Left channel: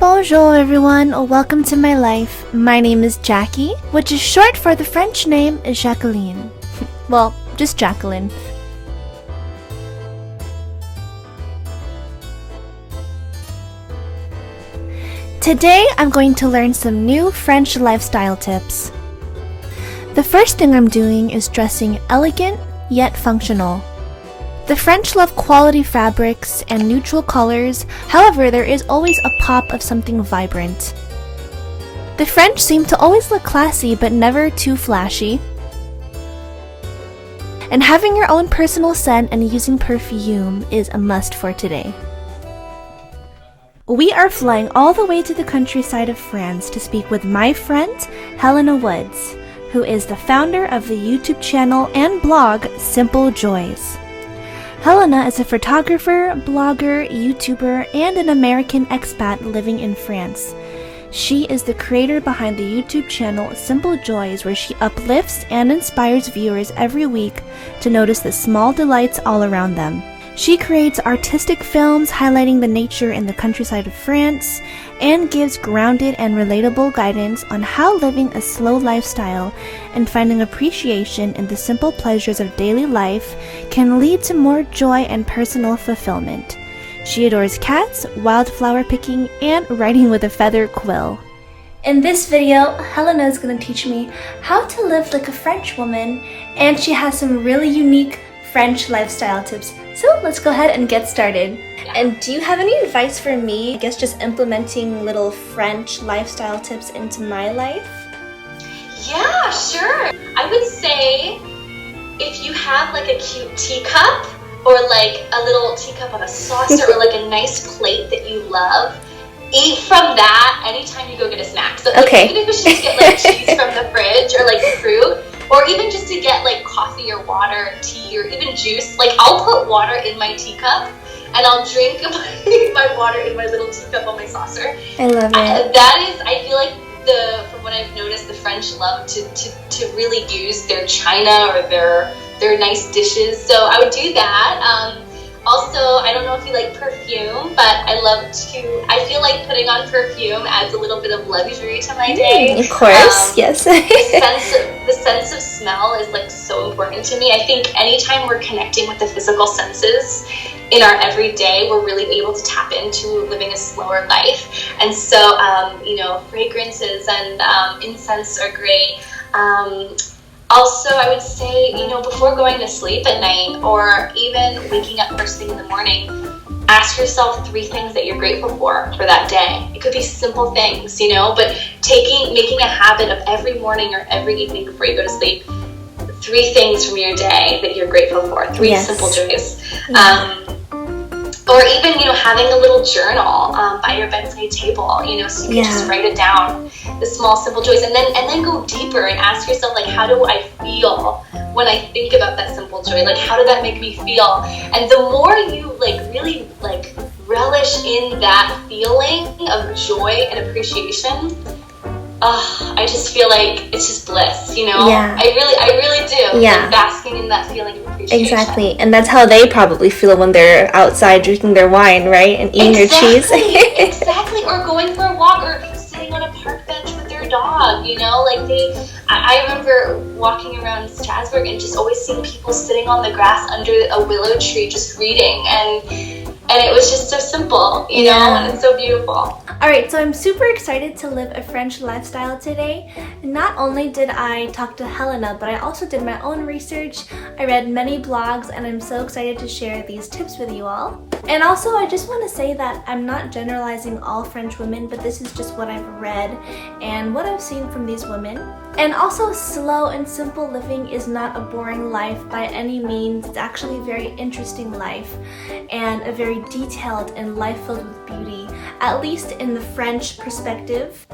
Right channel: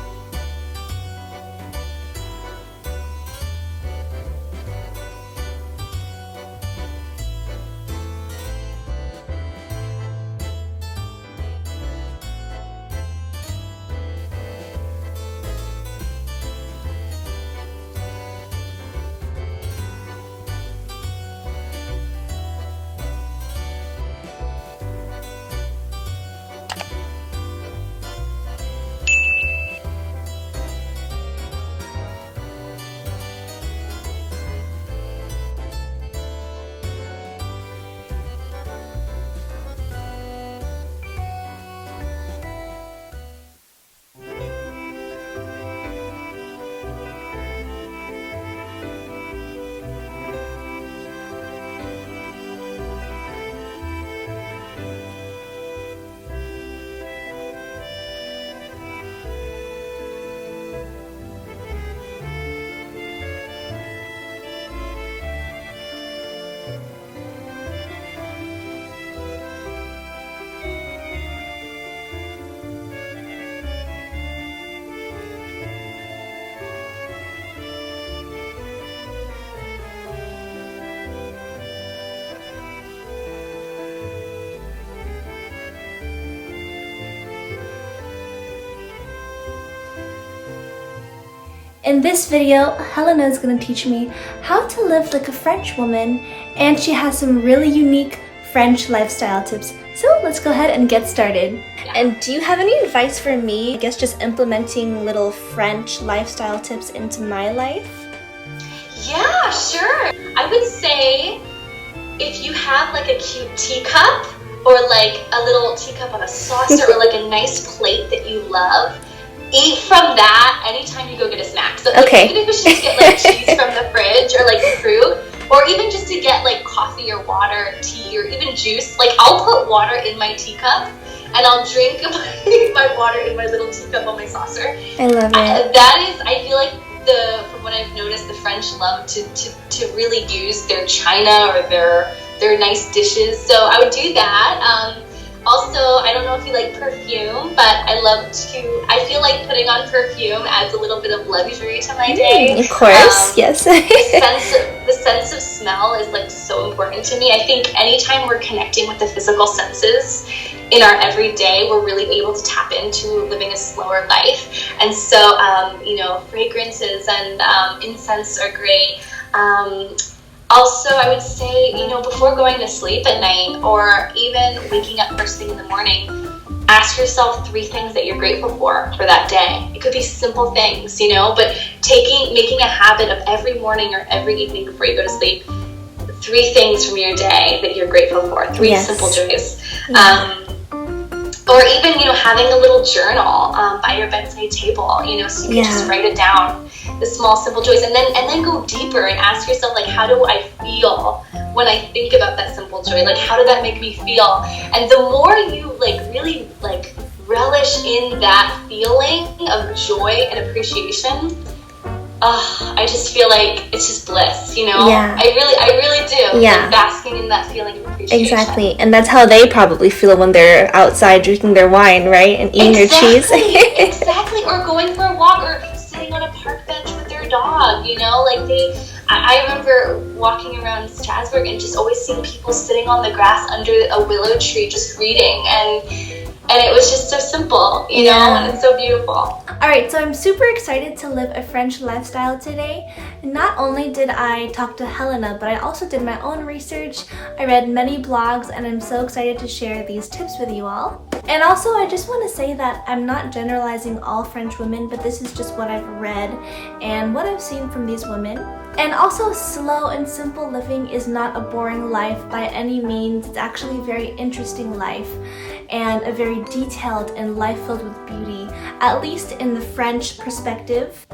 Bonjour everyone, welcome to my life. My name is Jackie, which is short for the French name Jacqueline. Well, just Jacqueline. Today I'm going to learn some new French lifestyle tips. The first thing I'm doing is dressing elegant yet functional. The French love quality fabrics and neutral colors, however, there is always a pop of something vibrant. The French seem to always look classy but never too flashy. And having your own personal scent and using perfume is a must for today. We are flying all the way to the countryside of France to speak with my friend, Helena Woods, who is the founder of the YouTube channel and blog Simple Joys. Helena is a photographer, blogger, YouTuber, and an American expat living in France. She is the creator behind the YouTube channel Simple Joys, where she uplifts and inspires viewers every week to notice the small delights all around them. She creates artistic films highlighting the nature in the countryside of France and gives grounded and relatable guidance on how living a slow lifestyle and finding appreciation in the simple pleasures of daily life can lead to more joy and personal fulfillment. She adores cats, wildflower picking, and writing with a feather quill. In this video, Helena is going to teach me how to live like a French woman, and she has some really unique French lifestyle tips. So let's go ahead and get started. And do you have any advice for me? I guess just implementing little French lifestyle tips into my life? Yeah, sure. I would say if you have like a cute teacup or like a little teacup on a saucer or like a nice plate that you love, eat from that anytime you go get a snack. So okay. Even if you should just get like cheese from the fridge or like fruit, or even just to get like coffee or water, tea, or even juice. Like I'll put water in my teacup and I'll drink my water in my little teacup on my saucer. I love it. That is, I feel like from what I've noticed, the French love to really use their china or their nice dishes. So I would do that. Also, I don't know if you like perfume, but I feel like putting on perfume adds a little bit of luxury to my day. Of course, yes. The sense of smell is like so important to me. I think anytime we're connecting with the physical senses in our everyday, we're really able to tap into living a slower life. And so, fragrances and incense are great. Also, I would say, before going to sleep at night or even waking up first thing in the morning, ask yourself 3 things that you're grateful for that day. It could be simple things, but making a habit of every morning or every evening before you go to sleep, 3 things from your day that you're grateful for, 3 simple joys. Or even, having a little journal by your bedside table, so you can just write it down, the small, simple joys, and then go deeper and ask yourself, like, how do I feel when I think about that simple joy? Like, how did that make me feel? And the more you, really, relish in that feeling of joy and appreciation, I just feel like it's just bliss, Yeah. I really do. Yeah. Like basking in that feeling of appreciation. Exactly, and that's how they probably feel when they're outside drinking their wine, right? And eating their cheese. Exactly, or going for a walk or sitting on a park bench with their dog, I remember walking around Strasbourg and just always seeing people sitting on the grass under a willow tree just reading, and it was just so simple, and it's so beautiful. Alright, so I'm super excited to live a French lifestyle today. Not only did I talk to Helena, but I also did my own research. I read many blogs, and I'm so excited to share these tips with you all. And also, I just want to say that I'm not generalizing all French women, but this is just what I've read and what I've seen from these women. And also, slow and simple living is not a boring life by any means. It's actually a very interesting life and a very detailed and life filled with beauty, at least in the French perspective.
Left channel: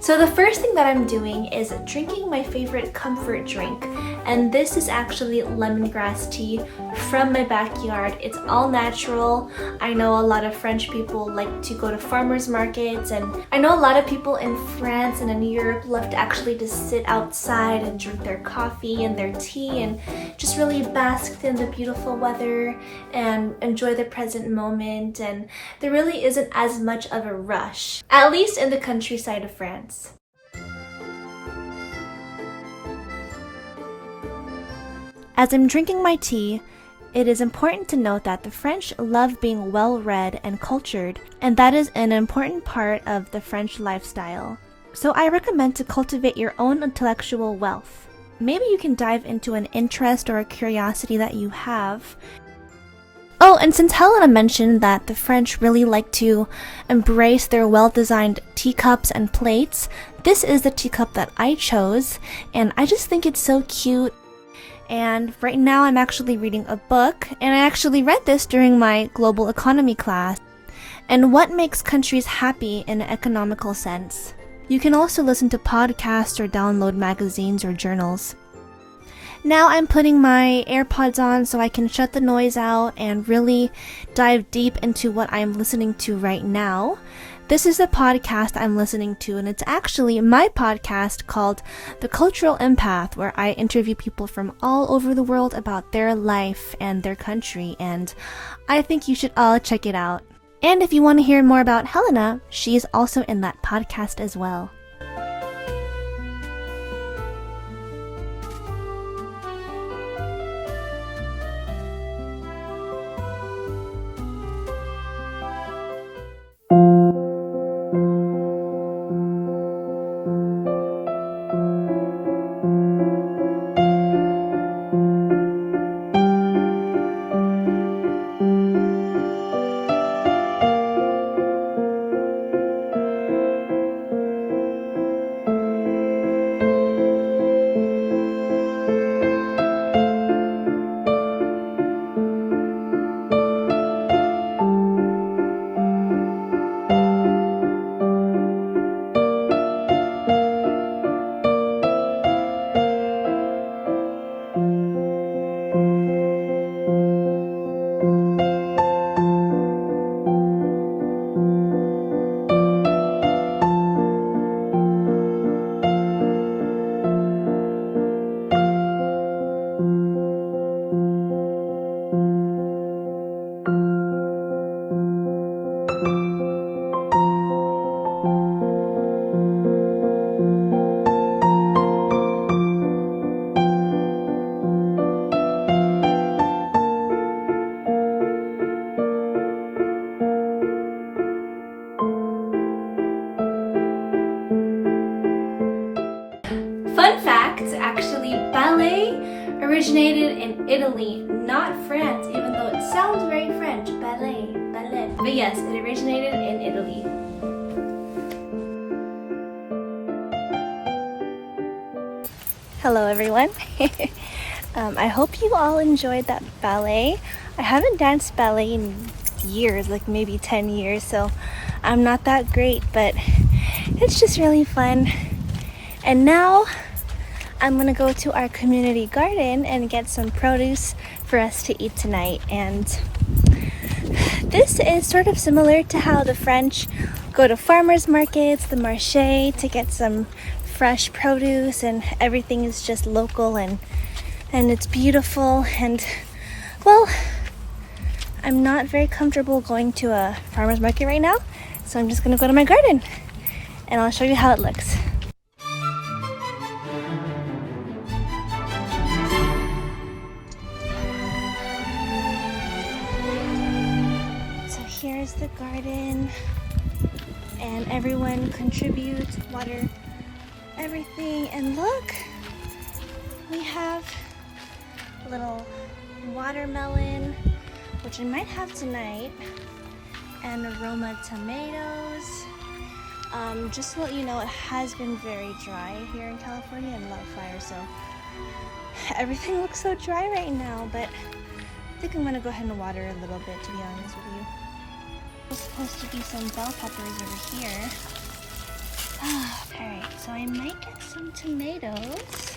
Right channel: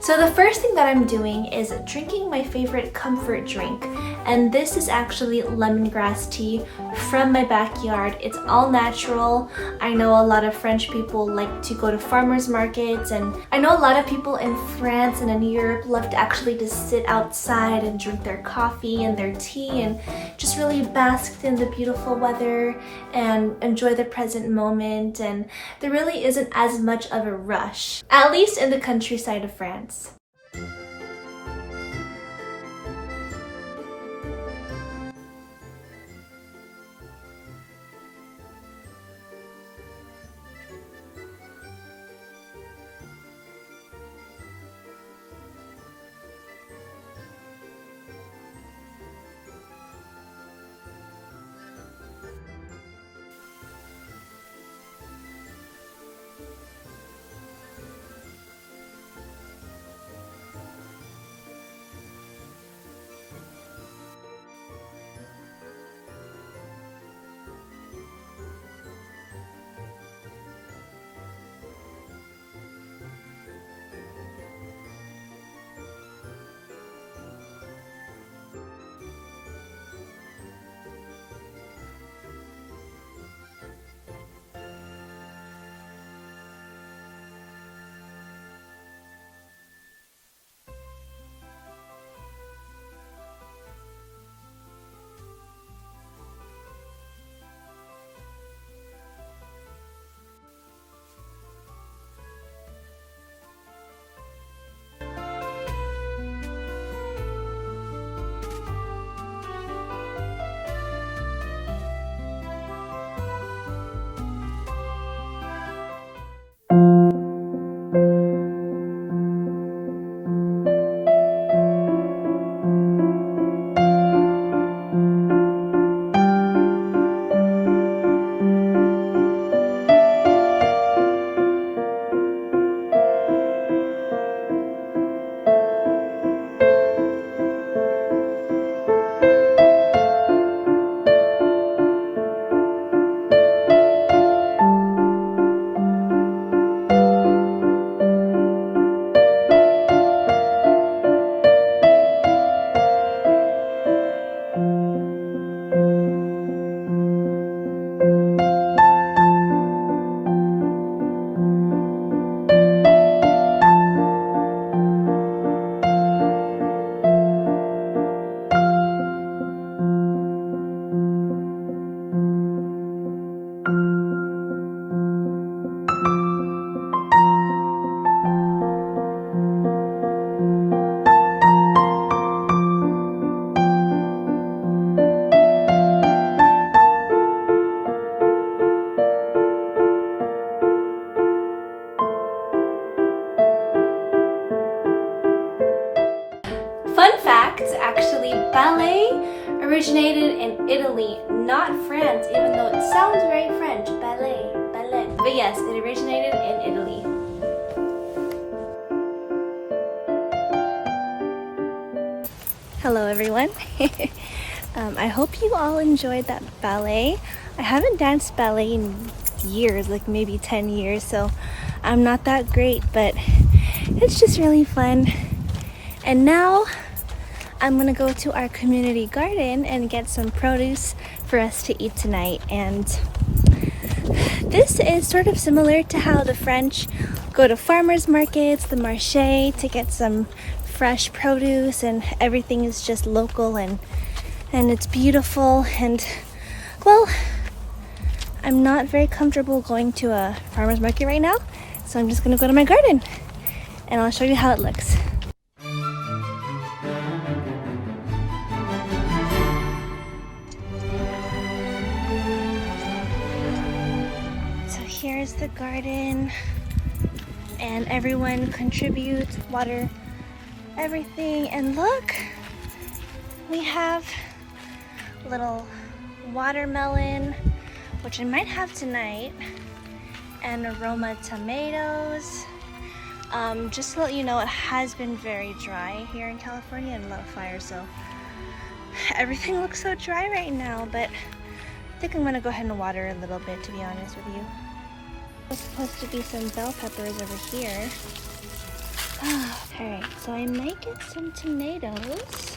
So So the first thing that I'm doing is drinking my favorite comfort drink, and this is actually lemongrass tea from my backyard. It's all natural. I know a lot of French people like to go to farmers markets, and I know a lot of people in France and in Europe love to actually just sit outside and drink their coffee and their tea and just really bask in the beautiful weather and enjoy the present moment, and there really isn't as much of a rush, at least in the countryside of France. As I'm drinking my tea, it is important to note that the French love being well-read and cultured, and that is an important part of the French lifestyle. So I recommend to cultivate your own intellectual wealth. Maybe you can dive into an interest or a curiosity that you have. Oh, and since Helena mentioned that the French really like to embrace their well-designed teacups and plates, this is the teacup that I chose, and I just think it's so cute. And right now I'm actually reading a book, and I actually read this during my global economy class. And what makes countries happy in an economical sense? You can also listen to podcasts or download magazines or journals. Now I'm putting my AirPods on so I can shut the noise out and really dive deep into what I'm listening to right now. This is a podcast I'm listening to, and it's actually my podcast called The Cultural Empath, where I interview people from all over the world about their life and their country, and I think you should all check it out. And if you want to hear more about Helena, she is also in that podcast as well. Fun fact, actually, ballet originated in Italy, not France, even though it sounds very French. Ballet. But yes, it originated in Italy. Hello everyone. I hope you all enjoyed that ballet. I haven't danced ballet in years, like maybe 10 years, so I'm not that great, but it's just really fun. And now I'm gonna go to our community garden and get some produce for us to eat tonight. And this is sort of similar to how the French go to farmers markets, the marché, to get some fresh produce, and everything is just local and it's beautiful. And well, I'm not very comfortable going to a farmer's market right now, so I'm just gonna go to my garden and I'll show you how it looks. So here's the garden, and everyone contributes, water everything, and look, we have a little watermelon, which I might have tonight, and aroma tomatoes. Just to let you know, it has been very dry here in California and a lot of fire, so everything looks so dry right now, but I think I'm gonna go ahead and water a little bit, to be honest with you. There's supposed to be some bell peppers over here. Alright, so I might get some tomatoes.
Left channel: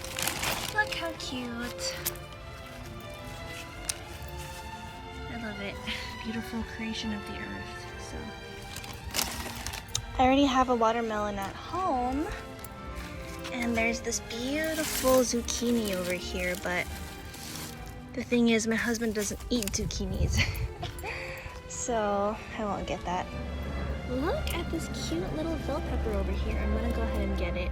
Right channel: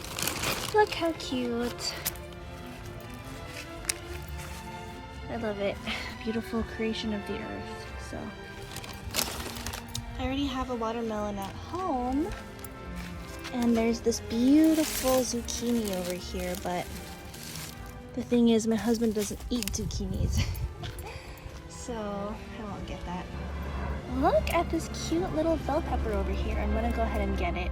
Look how cute. I love it. Beautiful creation of the earth. So I already have a watermelon at home. And there's this beautiful zucchini over here, but the thing is my husband doesn't eat zucchinis. So I won't get that. Look at this cute little bell pepper over here. I'm gonna go ahead and get it.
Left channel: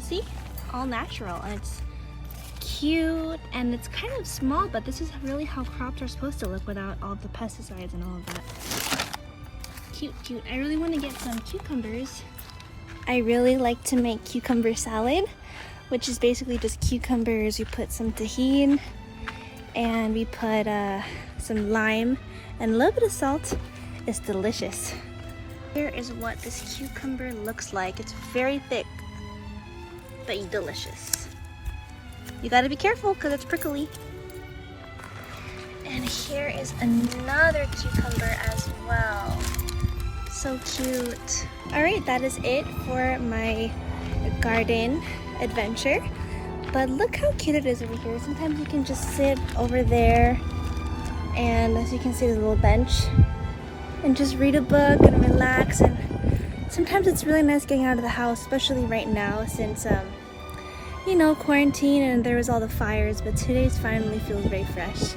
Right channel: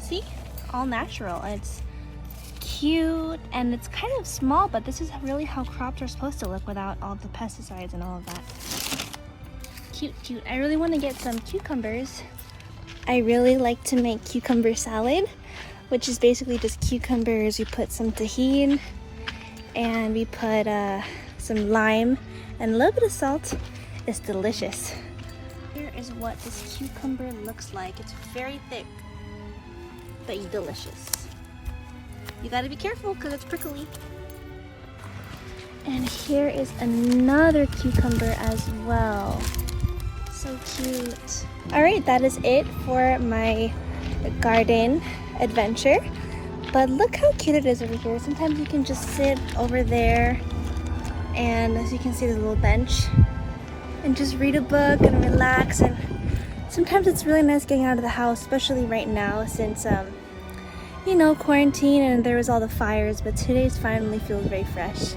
See? All natural, and it's cute, and it's kind of small, but this is really how crops are supposed to look without all the pesticides and all of that. Cute, cute. I really want to get some cucumbers. I really like to make cucumber salad, which is basically just cucumbers. We put some tahini, and we put some lime and a little bit of salt. It's delicious. Here is what this cucumber looks like. It's very thick, but delicious. You gotta be careful because it's prickly. And here is another cucumber as well. So cute. All right, that is it for my garden adventure. But look how cute it is over here. Sometimes you can just sit over there, and as you can see, there's a little bench, and just read a book and relax. And sometimes it's really nice getting out of the house, especially right now since you know, quarantine and there was all the fires, but today's finally feels very fresh.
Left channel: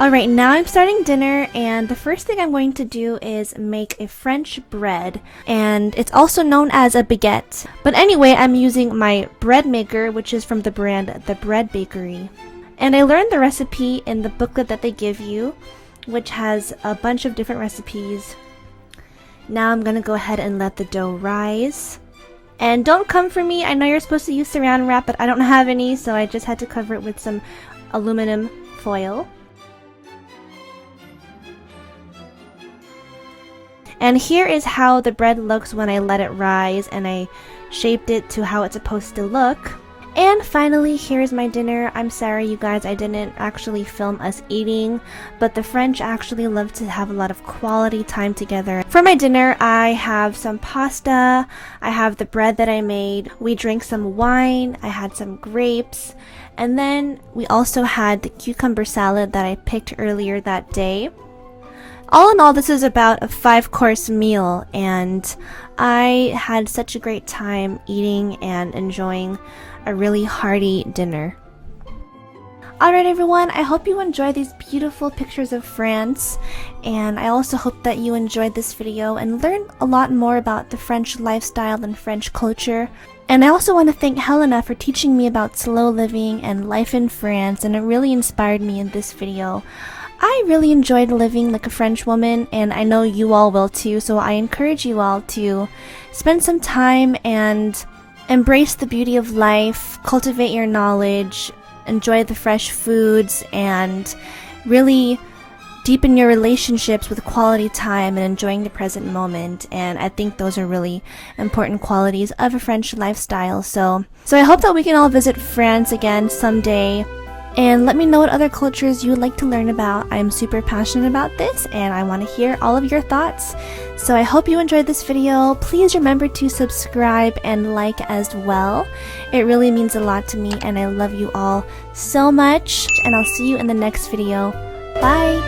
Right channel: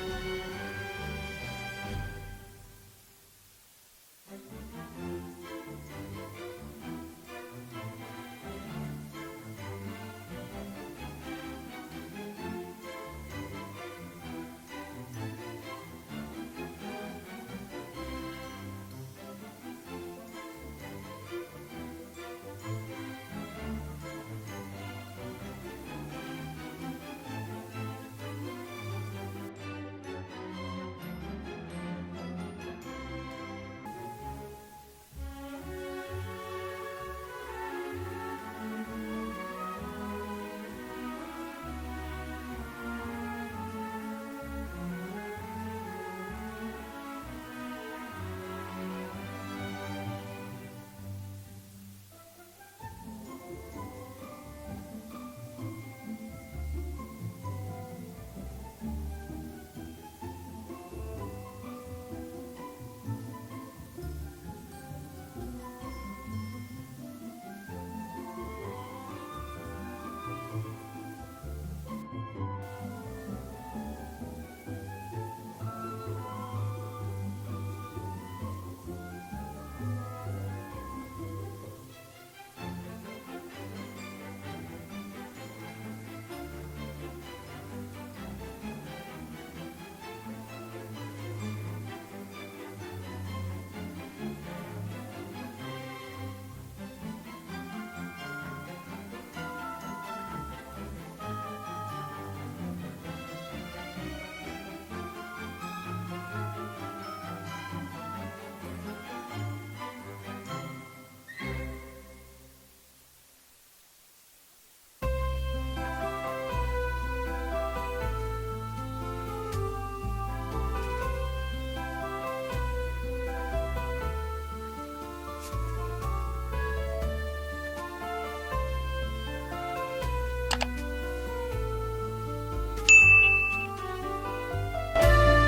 Alright, now I'm starting dinner, and the first thing I'm going to do is make a French bread, and it's also known as a baguette. But anyway, I'm using my bread maker, which is from the brand The Bread Bakery. And I learned the recipe in the booklet that they give you, which has a bunch of different recipes. Now I'm gonna go ahead and let the dough rise. And don't come for me, I know you're supposed to use saran wrap, but I don't have any, so I just had to cover it with some aluminum foil. And here is how the bread looks when I let it rise, and I shaped it to how it's supposed to look. And finally, here's my dinner. I'm sorry you guys, I didn't actually film us eating, but the French actually love to have a lot of quality time together. For my dinner, I have some pasta, I have the bread that I made, we drank some wine, I had some grapes, and then we also had the cucumber salad that I picked earlier that day. All in all, this is about a 5-course meal, and I had such a great time eating and enjoying a really hearty dinner. Alright everyone, I hope you enjoyed these beautiful pictures of France, and I also hope that you enjoyed this video and learned a lot more about the French lifestyle and French culture. And I also want to thank Helena for teaching me about slow living and life in France, and it really inspired me in this video. I really enjoyed living like a French woman, and I know you all will too, so I encourage you all to spend some time and embrace the beauty of life, cultivate your knowledge, enjoy the fresh foods, and really deepen your relationships with quality time and enjoying the present moment. And I think those are really important qualities of a French lifestyle. So I hope that we can all visit France again someday. And let me know what other cultures you would like to learn about. I'm super passionate about this, and I want to hear all of your thoughts. So I hope you enjoyed this video. Please remember to subscribe and like as well. It really means a lot to me, and I love you all so much. And I'll see you in the next video. Bye!